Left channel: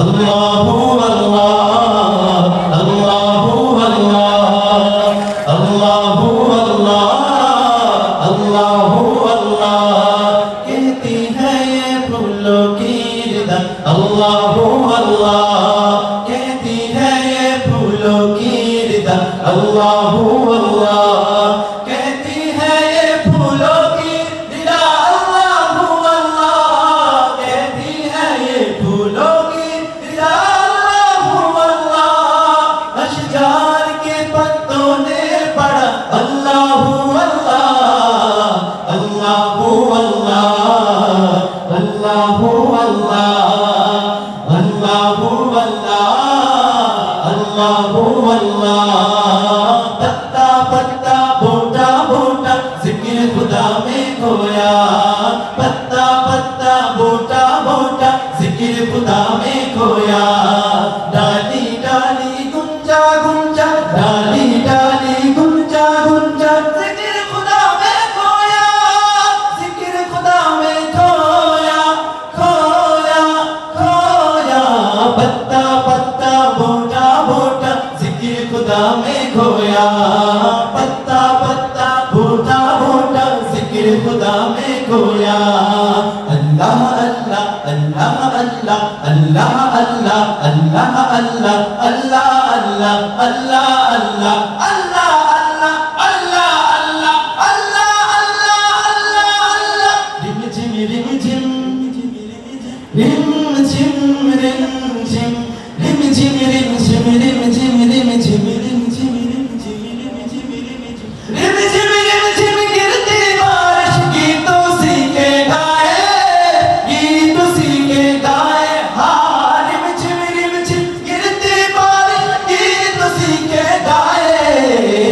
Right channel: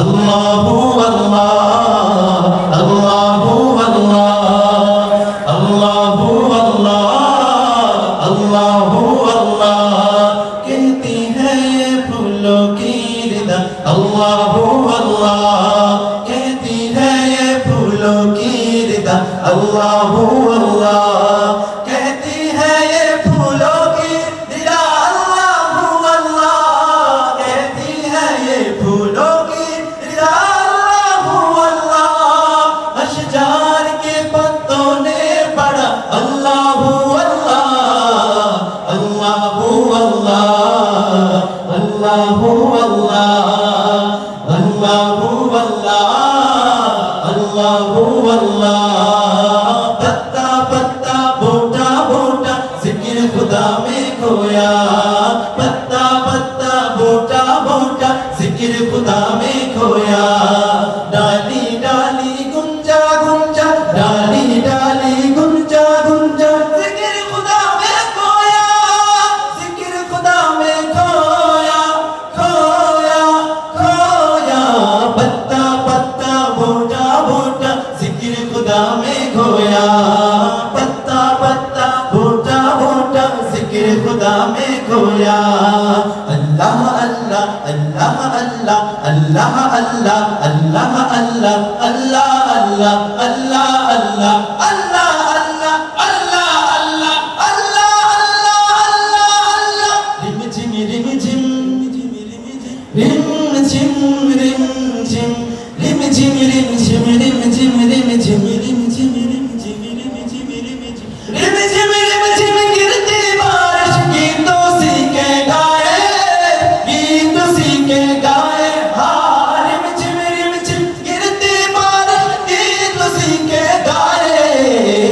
Allahu Allah, Allahu Allah, Allahu Allah, Allahu Allah. कहती है ये फूलों की रिदा, Allahu Allah. कहती है ये फूलों की रिदा, Allahu Allah. कहती है ये फूलों की रिदा, Allahu Allah. कहती है ये फूलों की रिदा, Allahu Allah. अशजार के पत्तों ने पढ़ा, Allahu Allah, Allahu Allah, Allahu Allah, Allahu Allah, Allahu Allah. पत्ता पत्ता बोटा बोटा जिक्र खुदा में खोया, पत्ता पत्ता बोटा बोटा जिक्र खुदा में खोया. डाली डाली गुंजा गुंजा, डाली डाली गुंजा गुंजा, जिक्र खुदा में खोया, जिक्र खुदा में खोया, खोया खोया. पत्ता पत्ता बोटा बोटा जिक्र खुदा में खोया, पत्ता पत्ता बोटा बोटा जिक्र खुदा में खोया. अल्लाह अल्लाह अल्लाह अल्लाह अल्लाह अल्लाह अल्लाह अल्लाह अल्लाह अल्लाह अल्लाह अल्लाह अल्लाह अल्लाह अल्लाह अल्लाह अल्लाह अल्लाह. रिम झिम रिम झिम रिम झिम रिम झिम रिम झिम रिम झिम रिम झिम रिम झिम रिम झिम रिम झिम रिम झिम रिम झिम रिम झिम गिरती बारिश की तो सीखे गाए, गीत सीखे गाए. हाँ रिम झिम गिरती बारिश की तो सीखे गाए.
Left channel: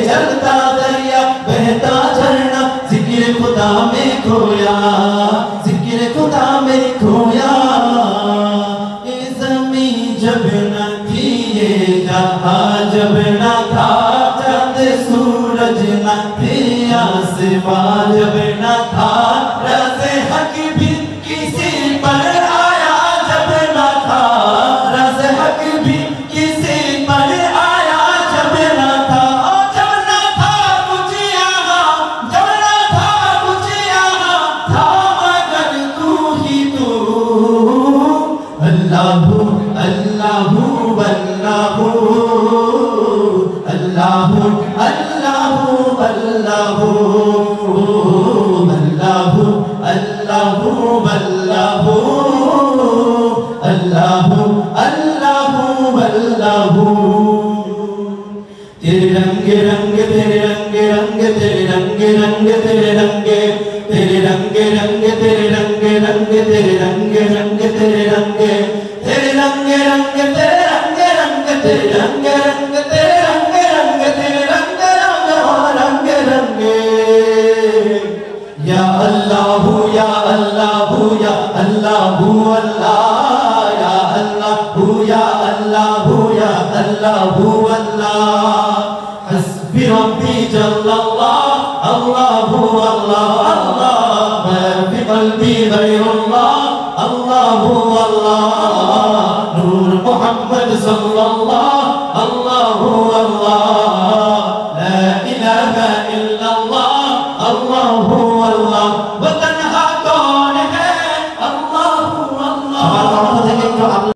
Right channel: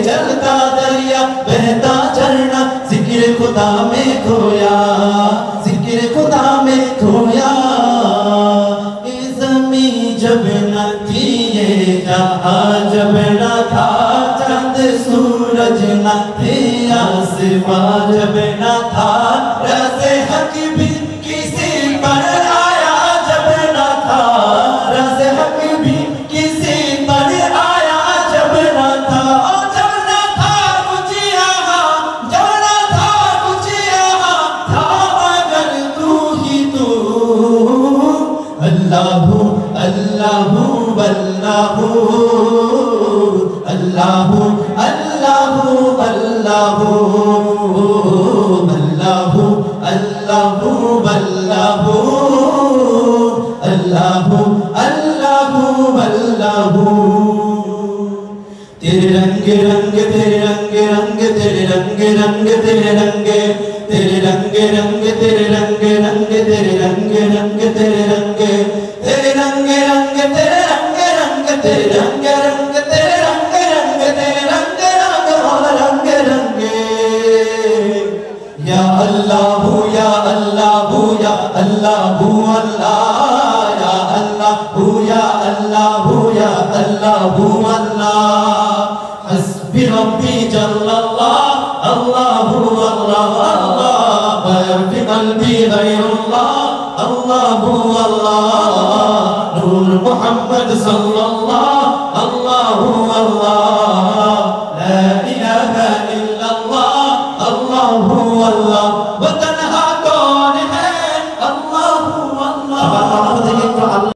चलता दरिया बहता झरना जिक्र खुदा में खोया, जिक्र खुदा में खोया. ये ज़मीं जब न थी, ये जहां जब न था, चांद सूरज न थे, आसमां जब न था, राज़े हक भी किसी पर आया जब न था, राज़े हक भी किसी पर आया जब न था. जब न था कुछ यहाँ, जब न था कुछ यहाँ, था मगर तू ही तू. अल्लाहु अल्लाहु अल्लाहु अल्लाहु अल्लाहु अल्लाहु अल्लाहु अल्लाहु अल्लाहु अल्लाहु अल्लाहु. तेरे रंग रंग तेरे रंग रंग तेरे रंग रंग तेरे रंग, तेरे रंग रंग तेरे रंग रंग तेरे रंग रंग तेरे रंग, तेरे रंग रंग तेरे रंग रंग तेरे रंग रंग तेरे रंग रंग तेरे रंग रंग रंग रंग. या अल्लाहु या अल्लाहु या अल्लाहु अल्लाह, या अल्लाहु या अल्लाहु या अल्लाहु अल्लाह. हस्बी रब्बी जल्लल्लाह, अल्लाहु अल्लाह अल्लाह. मा फी क़ल्बी गैरुल्लाह, अल्लाहु अल्लाह. नूर मुहम्मद सल्लल्लाहु